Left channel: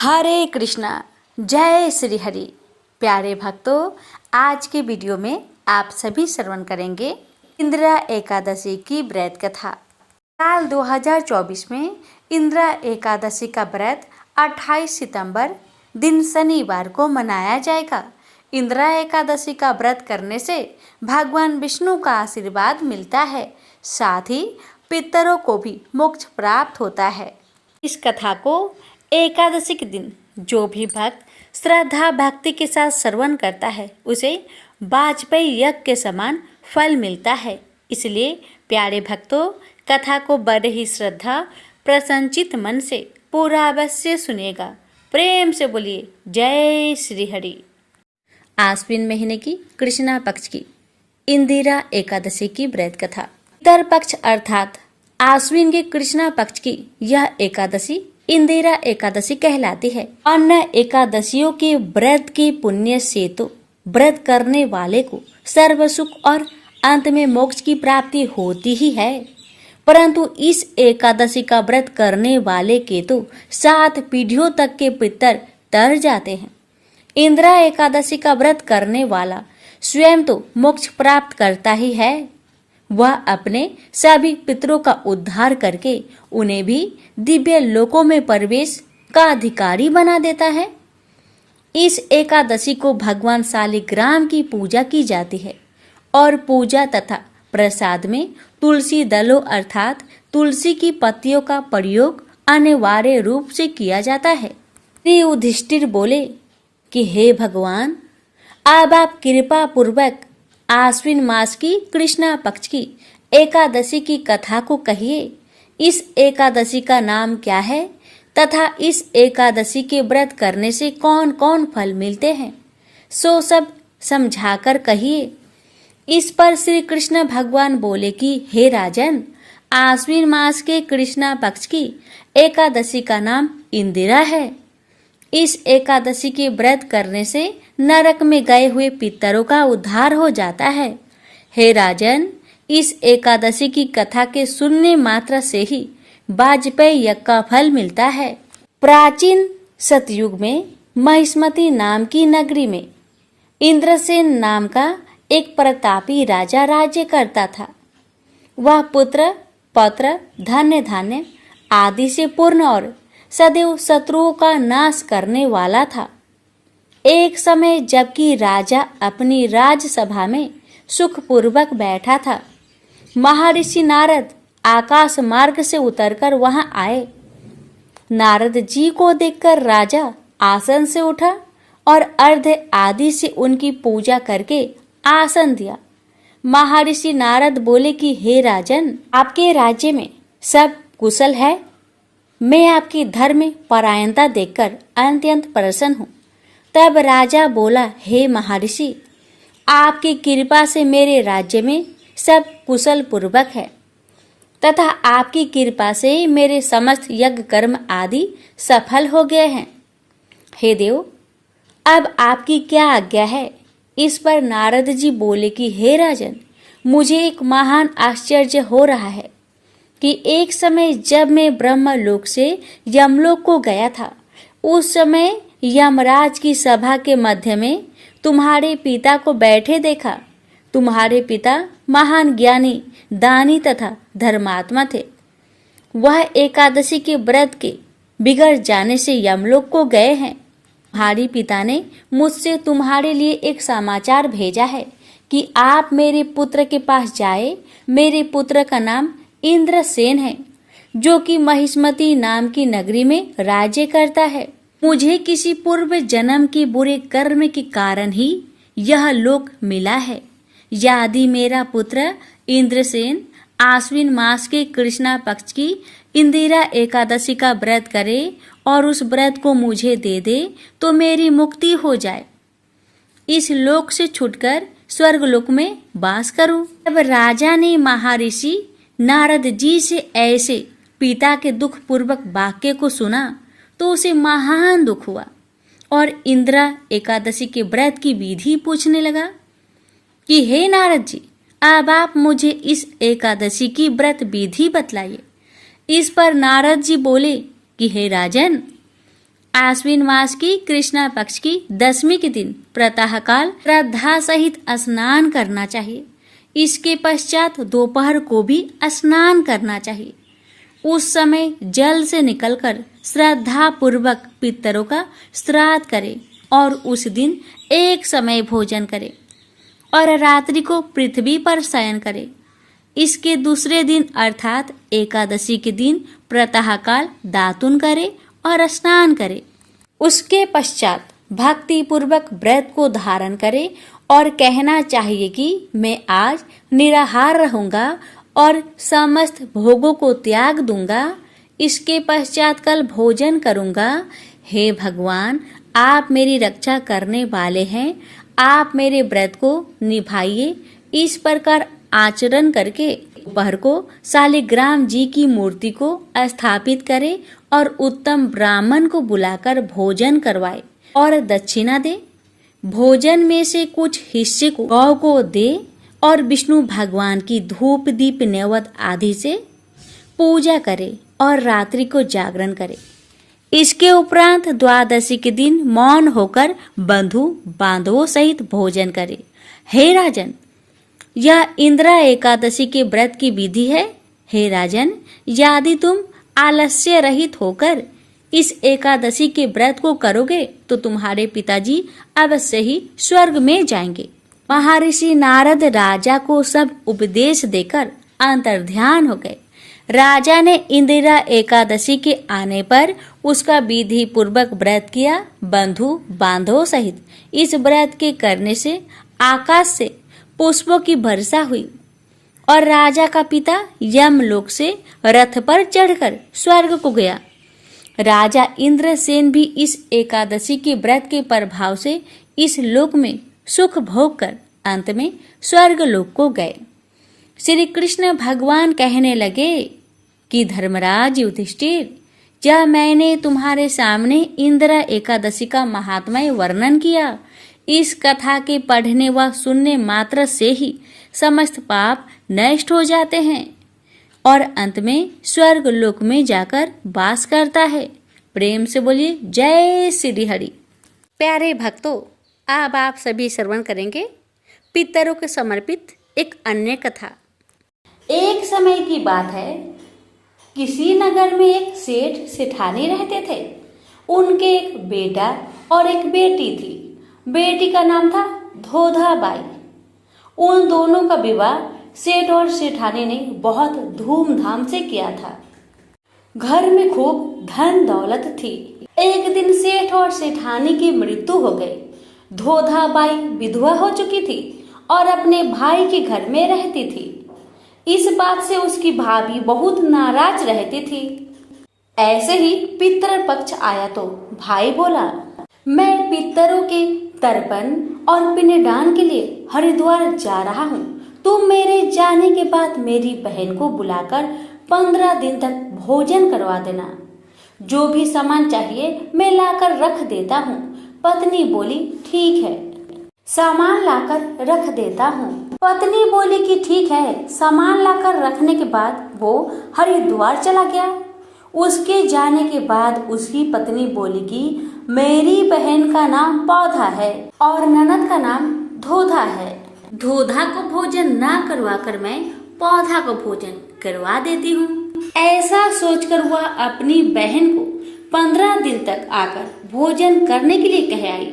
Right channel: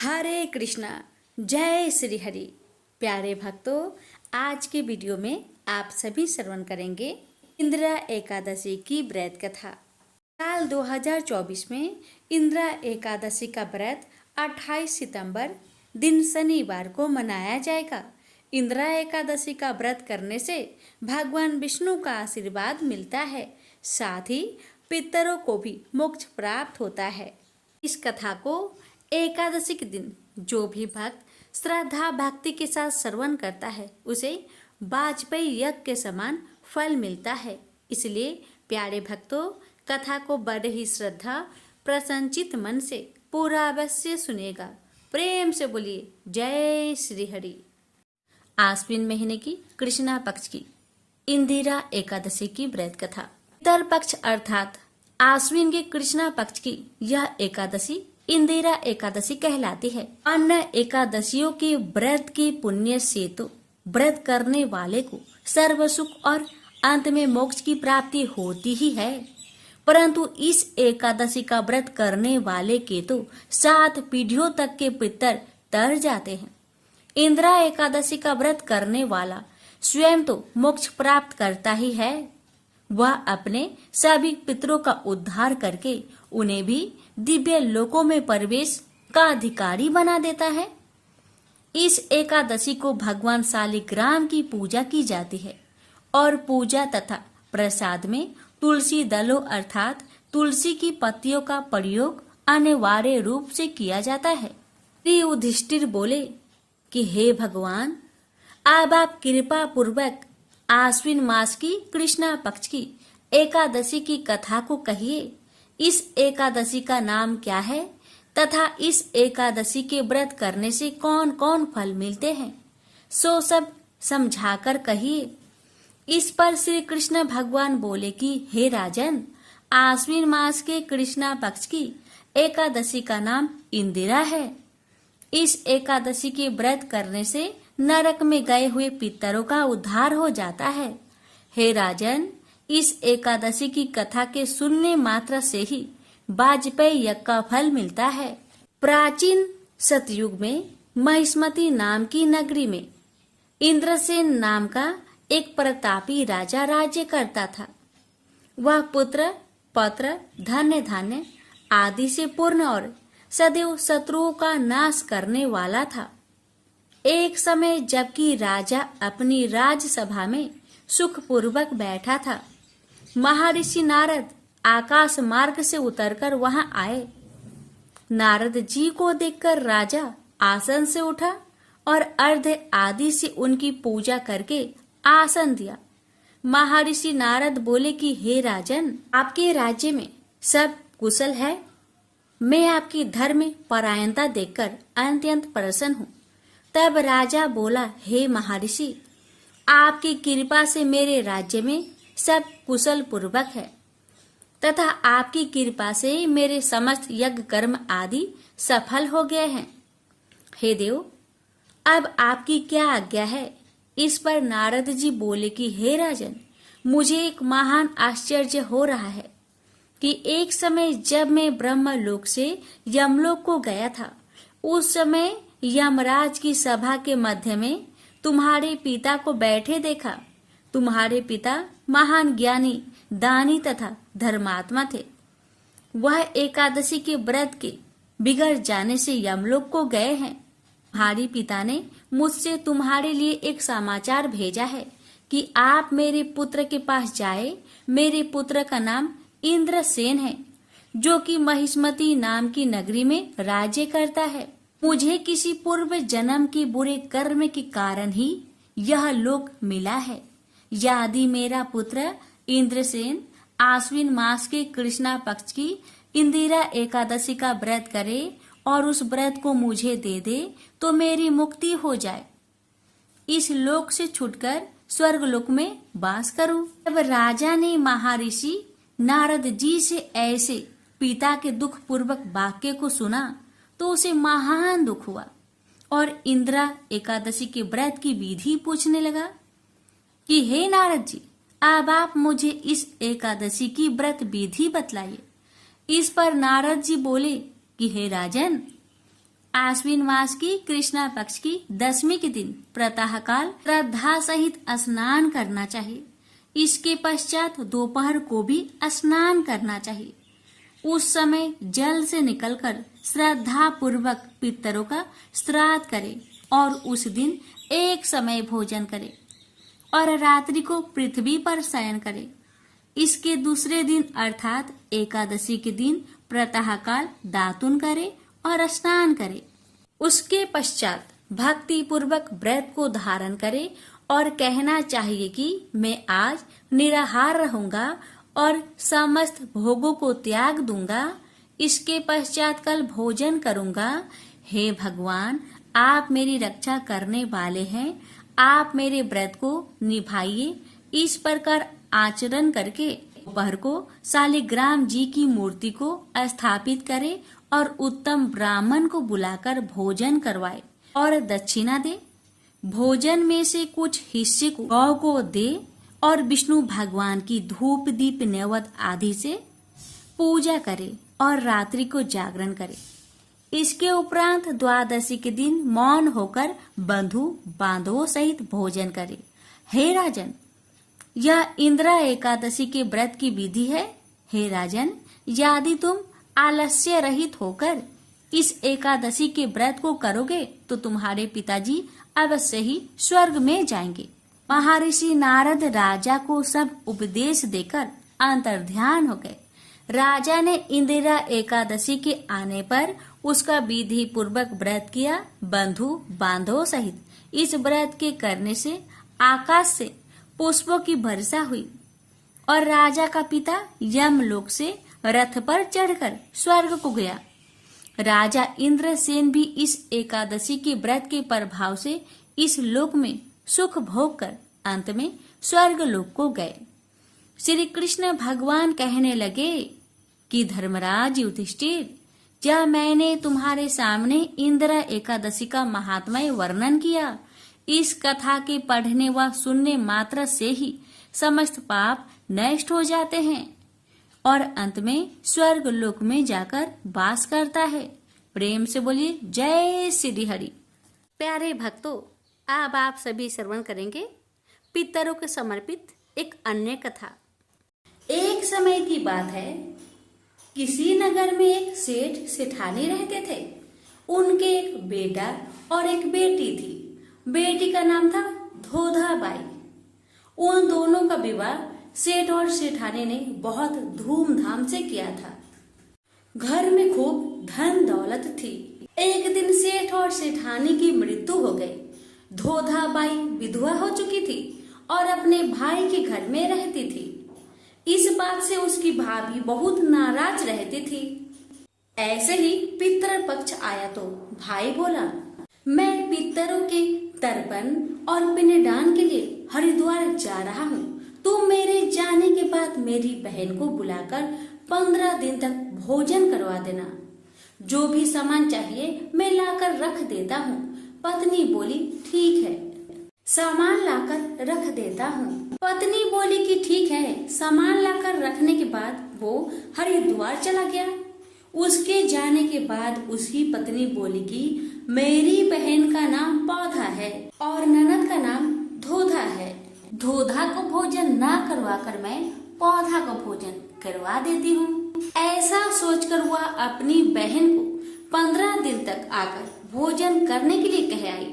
हरे कृष्णा। जय श्री हरि। प्यारे भक्तों, आज के वीडियो में आप सभी श्रवण करेंगे इंदिरा एकादशी की व्रत कथा। साल 2024 में इंदिरा एकादशी का व्रत 28 सितंबर दिन शनिवार को मनाया जाएगा। इंदिरा एकादशी का व्रत करने से भगवान विष्णु का आशीर्वाद मिलता है, साथ ही पितरों को भी मोक्ष प्राप्त होता है। इस कथा को एकादशी के दिन जो भी भक्त श्रद्धा भक्ति के साथ श्रवण करता है उसे वाजपेयी यज्ञ के समान फल मिलता है। इसलिए प्यारे भक्तों, कथा को बड़े ही श्रद्धा प्रसन्नचित मन से पूरा अवश्य सुनेगा। प्रेम से बोलिए जय श्री हरि। आश्विन महीने की कृष्णा पक्ष की इंदिरा एकादशी की व्रत कथा। पितर पक्ष अर्थात आश्विन के कृष्णा पक्ष की यह एकादशी इंदिरा एकादशी कहलाती है। अन्य एकादशियों के व्रत के पुण्य से तो व्रत करने वाले को सर्व सुख और अंत में मोक्ष की प्राप्ति होती ही है, परंतु इस एकादशी का व्रत करने वाले के तो 7 पीढ़ियों तक के पितर तर जाते हैं। इंदिरा एकादशी का व्रत करने वाला स्वयं तो मोक्ष प्राप्त करता ही है, वह अपने सभी पितरों का उद्धार करके उन्हें भी दिव्य लोकों में प्रवेश का अधिकारी बना देता है। इस एकादशी को भगवान शालिग्राम की पूजा की जाती है और पूजा तथा प्रसाद में तुलसी दलों अर्थात तुलसी की पत्तियों का प्रयोग अनिवार्य रूप से किया जाता है। श्री युधिष्ठिर बोले कि हे भगवान, अब आप कृपा पूर्वक आश्विन मास की कृष्णा पक्ष की एकादशी की कथा को कहिए। इस एकादशी का नाम क्या है तथा इस एकादशी के व्रत करने से कौन कौन फल मिलते हैं, सो सब समझाकर कहिए। इस पर श्री कृष्ण भगवान बोले कि हे राजन, आश्विन मास के कृष्णा पक्ष की एकादशी का नाम इंदिरा है। इस एकादशी के व्रत करने से नरक में गए हुए पितरों का उद्धार हो जाता है। हे राजन, इस एकादशी की कथा के सुनने मात्र से ही वाजपेयी यज्ञ का फल मिलता है। प्राचीन सतयुग में महिष्मती नाम की नगरी में इंद्रसेन नाम का एक प्रतापी राजा राज्य करता था। वह पुत्र पौत्र धन्य धान्य आदि से पूर्ण और सदैव शत्रुओं का नाश करने वाला था। एक समय जबकि राजा अपनी राजसभा में सुखपूर्वक बैठा था, महर्षि नारद आकाश मार्ग से उतरकर वहां आए। नारद जी को देखकर राजा आसन से उठा और अर्घ्य आदि से उनकी पूजा करके आसन दिया। महर्षि नारद बोले कि हे राजन, आपके राज्य में सब कुशल है। मैं आपकी धर्म परायणता देखकर अत्यंत प्रसन्न हूँ। तब राजा बोला, हे महर्षि, आपकी कृपा से मेरे राज्य में सब कुशल पूर्वक है तथा आपकी कृपा से मेरे समस्त यज्ञ कर्म आदि सफल हो गए हैं। हे देव, अब आपकी क्या आज्ञा है? इस पर नारद जी बोले कि हे राजन, मुझे एक महान आश्चर्य हो रहा है कि एक समय जब मैं ब्रह्मलोक से यमलोक को गया था, उस समय यमराज की सभा के मध्य में तुम्हारे पिता को बैठे देखा। तुम्हारे पिता महान ज्ञानी, दानी तथा धर्मात्मा थे। वह एकादशी के व्रत के बिगड़ जाने से यमलोक को गए हैं। तुम्हारे पिता ने मुझसे तुम्हारे लिए एक समाचार भेजा है कि आप मेरे पुत्र के पास जाए। मेरे पुत्र का नाम इंद्रसेन है, जो कि महिष्मती नाम की नगरी में राज्य करता है। मुझे किसी पूर्व जन्म के बुरे कर्म के कारण ही यह लोक मिला है। यदि मेरा पुत्र इंद्रसेन आश्विन मास के कृष्णा पक्ष की इंदिरा एकादशी का व्रत करे और उस व्रत को मुझे दे दे तो मेरी मुक्ति हो जाए, इस लोक से छूटकर स्वर्गलोक में वास करूं। तब राजा ने महर्षि नारद जी से ऐसे पिता के दुख पूर्वक वाक्य को सुना तो उसे महान दुख हुआ और इंदिरा एकादशी के व्रत की विधि पूछने लगा कि हे नारद जी, अब आप मुझे इस एकादशी की व्रत विधि बतलाइए। इस पर नारद जी बोले कि हे राजन, आश्विन मास की कृष्णा पक्ष की 10वीं के दिन प्रातःकाल श्रद्धा सहित स्नान करना चाहिए। इसके पश्चात दोपहर को भी स्नान करना चाहिए। उस समय जल से निकलकर श्रद्धा पूर्वक पितरों का श्राद्ध करे और उस दिन एक समय भोजन करे और रात्रि को पृथ्वी पर शयन करे। इसके दूसरे दिन अर्थात एकादशी के दिन प्रातःकाल दातुन करे और स्नान करे। उसके पश्चात भक्ति पूर्वक व्रत को धारण करे और कहना चाहिए कि मैं आज निराहार रहूंगा और समस्त भोगों को त्याग दूंगा। इसके पश्चात कल भोजन करूंगा। हे भगवान, आप मेरी रक्षा करने वाले हैं, आप मेरे व्रत को निभाइए। इस प्रकार आचरण करके दोपहर को शालिग्राम जी की मूर्ति को स्थापित करे और उत्तम ब्राह्मण को बुलाकर भोजन करवाए और दक्षिणा दे। भोजन में से कुछ हिस्से को गौ को दे और विष्णु भगवान की धूप दीप नैवेद्य आदि से पूजा करे और रात्रि को जागरण करे। इसके उपरांत द्वादशी के दिन मौन होकर बंधु बांधवों सहित भोजन करे। हे राजन, यह इंदिरा एकादशी के व्रत की विधि है। हे राजन, यदि तुम आलस्य रहित होकर इस एकादशी के व्रत को करोगे तो तुम्हारे पिताजी अवश्य ही स्वर्ग में जाएंगे। महर्षि नारद राजा को सब उपदेश देकर अंतर्ध्यान हो गए। राजा ने इंदिरा एकादशी के आने पर उसका विधि पूर्वक व्रत किया। बंधु बांधवों सहित इस व्रत के करने से आकाश से पुष्पों की वर्षा हुई और राजा का पिता यमलोक से रथ पर चढ़कर स्वर्ग को गया। राजा इंद्रसेन भी इस एकादशी के व्रत के प्रभाव से इस लोक में सुख भोग कर अंत में स्वर्ग लोक को गए। श्री कृष्ण भगवान कहने लगे कि धर्मराज युधिष्ठिर, क्या मैंने तुम्हारे सामने इंदिरा एकादशी का महात्म्य वर्णन किया। इस कथा के पढ़ने व सुनने मात्र से ही समस्त पाप नष्ट हो जाते हैं और अंत में स्वर्ग लोक में जाकर वास करता है। प्रेम से बोलिए जय श्री हरि। प्यारे भक्तों, अब आप सभी श्रवण करेंगे पितरों के समर्पित एक अन्य कथा। एक समय की बात है, किसी नगर में एक सेठ सेठानी रहते थे। उनके एक बेटा और एक बेटी थी। बेटी का नाम था धोधा बाई। उन दोनों का विवाह सेठ और सेठानी ने बहुत धूमधाम से किया था। घर में खूब धन दौलत थी। एक दिन सेठ और सेठानी की मृत्यु हो गई। धोधा बाई विधवा हो चुकी थी और अपने भाई के घर में रहती थी। इस बात से उसकी भाभी बहुत नाराज रहती थी। ऐसे ही पितृ पक्ष आया तो भाई बोला, मैं पितरों के तर्पण और पिंडदान के लिए हरिद्वार जा रहा हूँ। तुम मेरे जाने के बाद मेरी बहन को बुलाकर 15 दिन तक भोजन करवा देना। जो भी सामान चाहिए मैं लाकर रख देता हूँ। पत्नी बोली, ठीक है, सामान लाकर रख देता हूँ। पत्नी बोली कि ठीक है। सामान लाकर रखने के बाद वो हरिद्वार चला गया। उसके जाने के बाद उसकी पत्नी बोली कि मेरी बहन का नाम पौधा है और ननद का नाम धोधा है। धोधा को भोजन ना करवा कर मैं पौधा को भोजन करवा देती हूँ। ऐसा सोचकर वह अपनी बहन को 15 दिन तक आकर भोजन करने के लिए कह आई।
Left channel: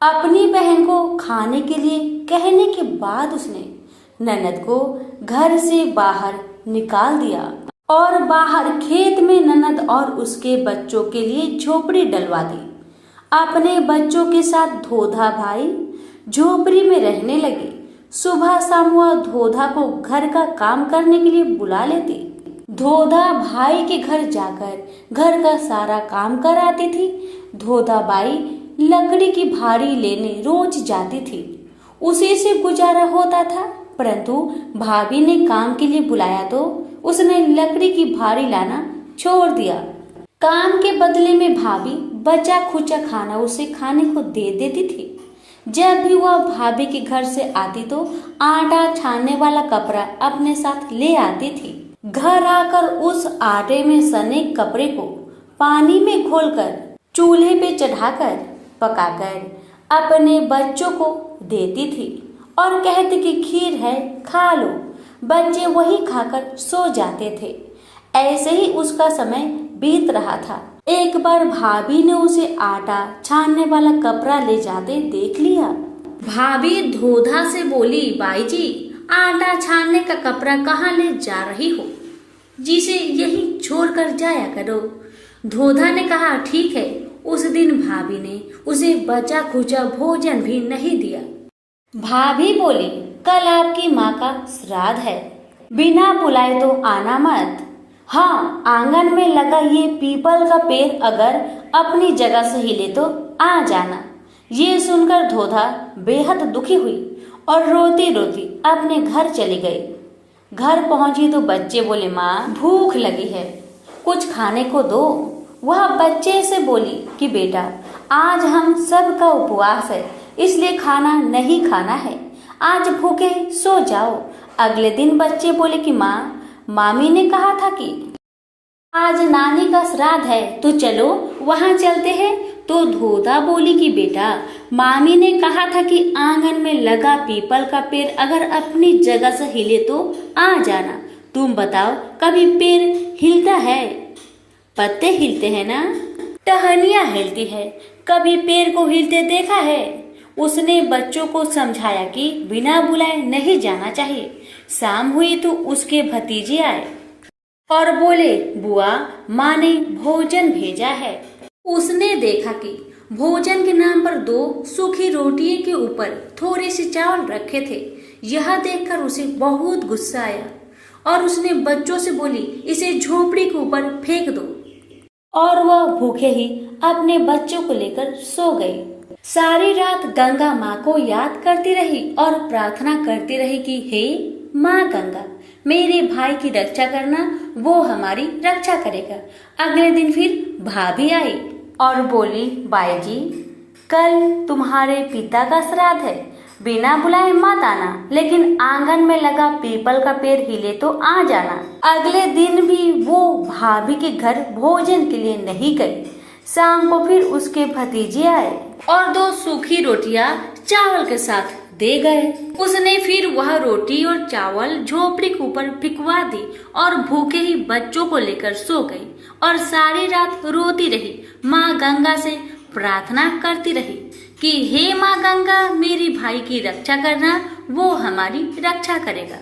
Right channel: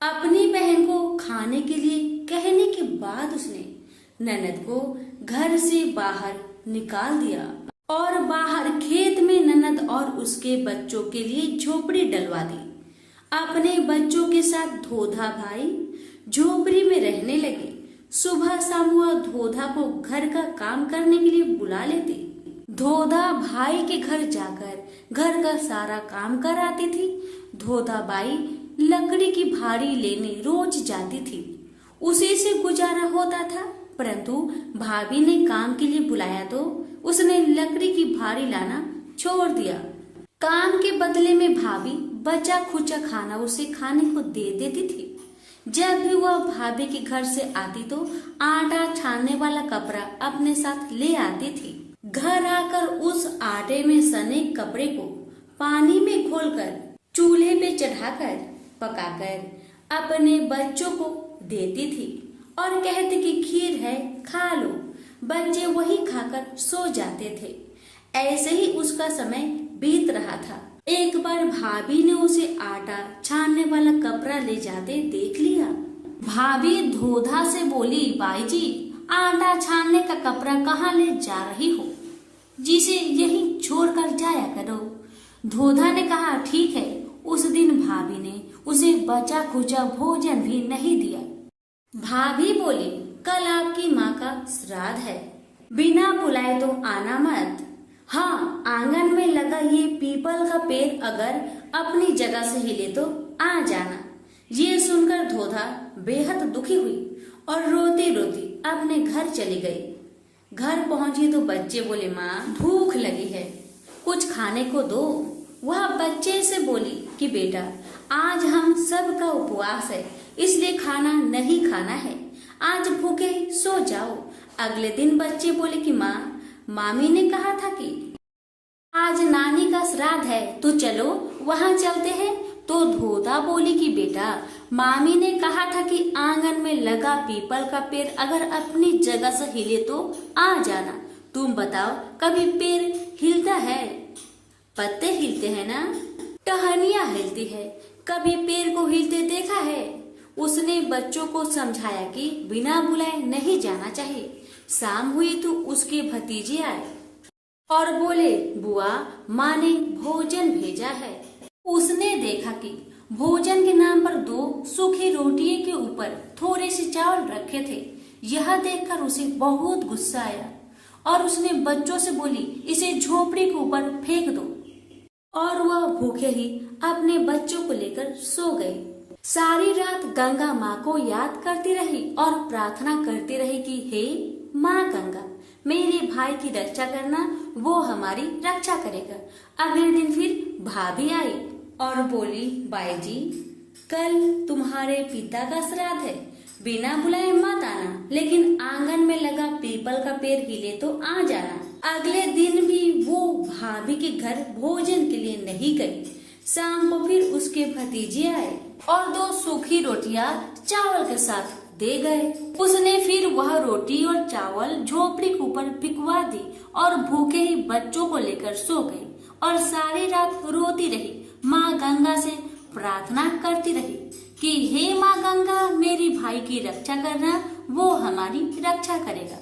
अपनी बहन को खाने के लिए कहने के बाद उसने ननद को घर से बाहर निकाल दिया और बाहर खेत में ननद और उसके बच्चों के लिए झोपड़ी डलवा दी। अपने बच्चों के साथ धोधा भाई झोपड़ी में रहने लगे। सुबह शाम वह धोधा को घर का काम करने के लिए बुला लेती। धोधा भाई के घर जाकर घर का सारा काम कराती थी। धोधा बाई लकड़ी की भारी लेने रोज जाती थी। उसी से गुजारा होता था, परंतु भाभी ने काम के लिए बुलाया तो उसने लकड़ी की भारी लाना छोड़ दिया। काम के बदले में भाभी बचा खुचा खाना उसे खाने को दे देती थी। जब भी वह भाभी के घर से आती तो आटा छानने वाला कपड़ा अपने साथ ले आती थी। घर आकर उस आटे में सने कपड़े को पानी में घोलकर चूल्हे पे चढ़ाकर पकाकर अपने बच्चों को देती थी और कहती कि खीर है, खा लो। बच्चे वही खाकर सो जाते थे। ऐसे ही उसका समय बीत रहा था। एक बार भाभी ने उसे आटा छानने वाला कपड़ा ले जाते देख लिया। भाभी धोधा से बोली, बाई जी, आटा छानने का कपड़ा कहाँ ले जा रही हो? जिसे यहीं छोड़कर जाया करो। धोधा ने कहा, ठीक है। उस दिन भाभी ने उसे बचा खुचा भोजन भी नहीं दिया। भाभी बोली, कल आपकी माँ का श्राद्ध है, बिना बुलाए तो आना मत। हाँ, आंगन में लगा ये पीपल का पेड़ अगर अपनी जगह से हिले तो आ जाना। ये सुनकर धोधा बेहद दुखी हुई और रोती रोती अपने घर चली गई। घर पहुंची तो बच्चे बोले, माँ भूख लगी है, कुछ खाने को दो। वह बच्चे से बोली कि बेटा, आज हम सब का उपवास है, इसलिए खाना नहीं खाना है, आज भूखे सो जाओ। अगले दिन बच्चे बोले कि माँ, मामी ने कहा था कि आज नानी का श्राद्ध है, तो चलो वहाँ चलते हैं। तो धोधा बोली कि बेटा, मामी ने कहा था कि आंगन में लगा पीपल का पेड़ अगर अपनी जगह से हिले तो आ जाना। तुम बताओ, कभी पेड़ हिलता है? पत्ते हिलते हैं ना, टहनियाँ हिलती है, कभी पेड़ को हिलते देखा है? उसने बच्चों को समझाया कि बिना बुलाए नहीं जाना चाहिए। शाम हुई तो उसके भतीजे आए और बोले, बुआ, माँ ने भोजन भेजा है। उसने देखा कि भोजन के नाम पर 2 सूखी रोटियों के ऊपर थोड़े से चावल रखे थे। यह देखकर उसे बहुत गुस्सा आया और उसने बच्चों से बोली, इसे झोपड़ी के ऊपर फेंक दो। और वह भूखे ही अपने बच्चों को लेकर सो गई। सारी रात गंगा माँ को याद करती रही और प्रार्थना करती रही कि हे माँ गंगा, मेरे भाई की रक्षा करना, वो हमारी रक्षा करेगा। अगले दिन फिर भाभी आई और बोली, बाई जी, कल तुम्हारे पिता का श्राद्ध है, बिना बुलाए मत आना, लेकिन आंगन में लगा पीपल का पेड़ हिले तो आ जाना। अगले दिन भी वो भाभी के घर भोजन के लिए नहीं गई। शाम को फिर उसके भतीजे आए और 2 सूखी रोटियां चावल के साथ दे गए। उसने फिर वह रोटी और चावल झोपड़ी के ऊपर फिकवा दी और भूखे ही बच्चों को लेकर सो गई और सारी रात रोती रही। माँ गंगा से प्रार्थना करती रही कि हे माँ गंगा, मेरी भाई की रक्षा करना, वो हमारी रक्षा करेगा।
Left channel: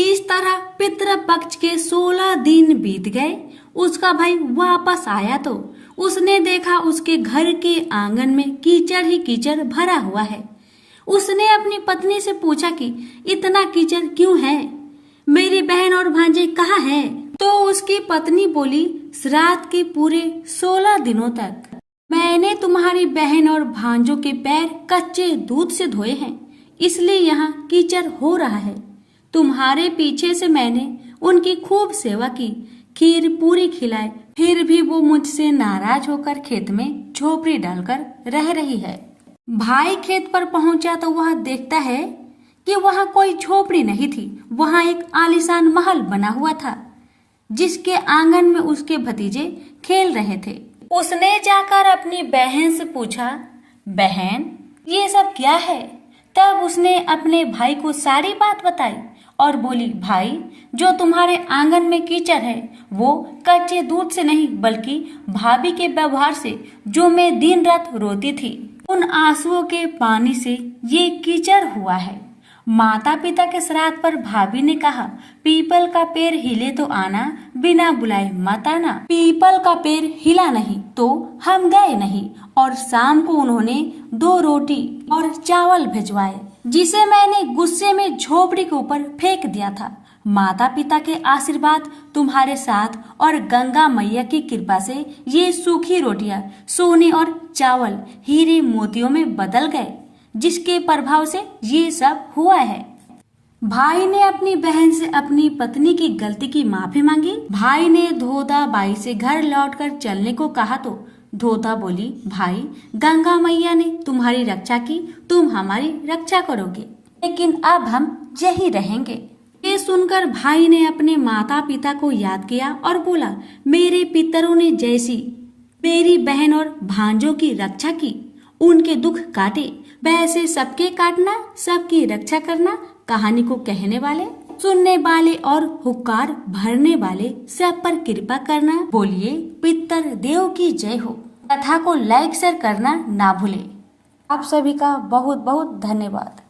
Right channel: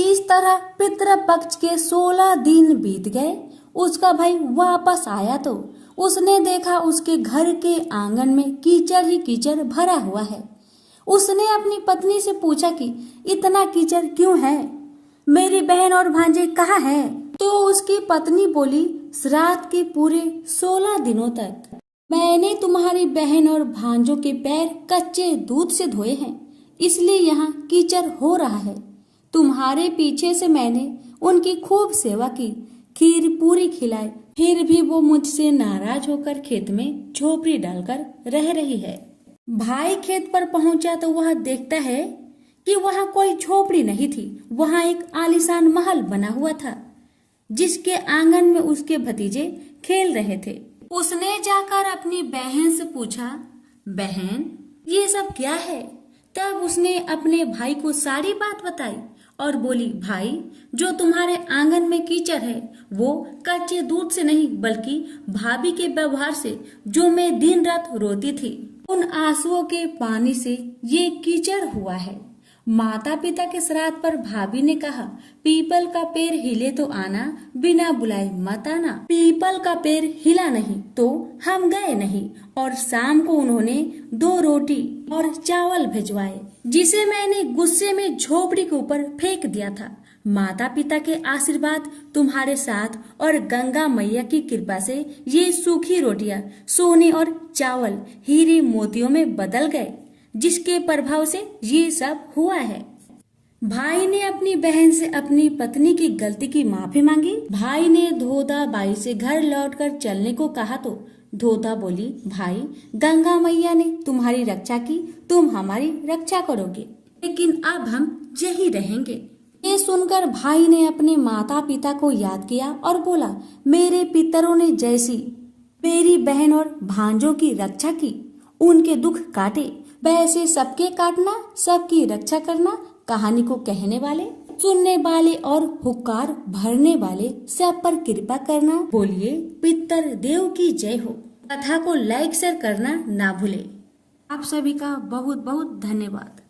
इस तरह पितृ पक्ष के 16 दिन बीत गए। उसका भाई वापस आया तो उसने देखा उसके घर के आंगन में कीचड़ ही कीचड़ भरा हुआ है। उसने अपनी पत्नी से पूछा कि इतना कीचड़ क्यों है, मेरी बहन और भांजे कहाँ हैं? तो उसकी पत्नी बोली, श्राद्ध के पूरे 16 दिनों तक मैंने तुम्हारी बहन और भांजों के पैर कच्चे दूध से धोए हैं, इसलिए यहाँ कीचड़ हो रहा है। तुम्हारे पीछे से मैंने उनकी खूब सेवा की, खीर पूरी खिलाई, फिर भी वो मुझसे नाराज होकर खेत में झोपड़ी डालकर रह रही है। भाई खेत पर पहुंचा तो वह देखता है कि वहाँ कोई झोपड़ी नहीं थी, वहाँ एक आलीशान महल बना हुआ था, जिसके आंगन में उसके भतीजे खेल रहे थे। उसने जाकर अपनी बहन से पूछा, बहन, ये सब क्या है? तब उसने अपने भाई को सारी बात बताई और बोली, भाई, जो तुम्हारे आंगन में कीचड़ है वो कच्चे दूध से नहीं बल्कि भाभी के व्यवहार से, जो मैं दिन रात रोती थी, उन आंसुओं के पानी से ये कीचड़ हुआ है। माता पिता के श्राद्ध पर भाभी ने कहा, पीपल का पेड़ हिले तो आना, बिना बुलाए मत आना। पीपल का पेड़ हिला नहीं तो हम गए नहीं। और शाम को उन्होंने 2 रोटी और चावल भिजवाए, जिसे मैंने गुस्से में झोपड़ी के ऊपर फेंक दिया था। माता पिता के आशीर्वाद तुम्हारे साथ और गंगा मैया की कृपा से ये सूखी रोटियां सोने और चावल हीरे मोतियों में बदल गए, जिसके प्रभाव से ये सब हुआ है। भाई ने अपनी बहन से अपनी पत्नी की गलती की माफी मांगी। भाई ने धोधा बाई से घर लौटकर चलने को कहा तो धोधा बोली, भाई, गंगा मैया ने तुम्हारी रक्षा की, तुम हमारी रक्षा करोगे, लेकिन अब हम यही रहेंगे। ये सुनकर भाई ने अपने माता पिता को याद किया और बोला, मेरे पितरों ने जैसी मेरी बहन और भांजों की रक्षा की, उनके दुख काटे, वैसे सबके काटना, सबकी रक्षा करना। कहानी को कहने वाले, सुनने वाले और हुक्कार भरने वाले सब पर कृपा करना। बोलिए पितर देव की जय हो। कथा को लाइक शेयर करना ना भूले। आप सभी का बहुत बहुत धन्यवाद।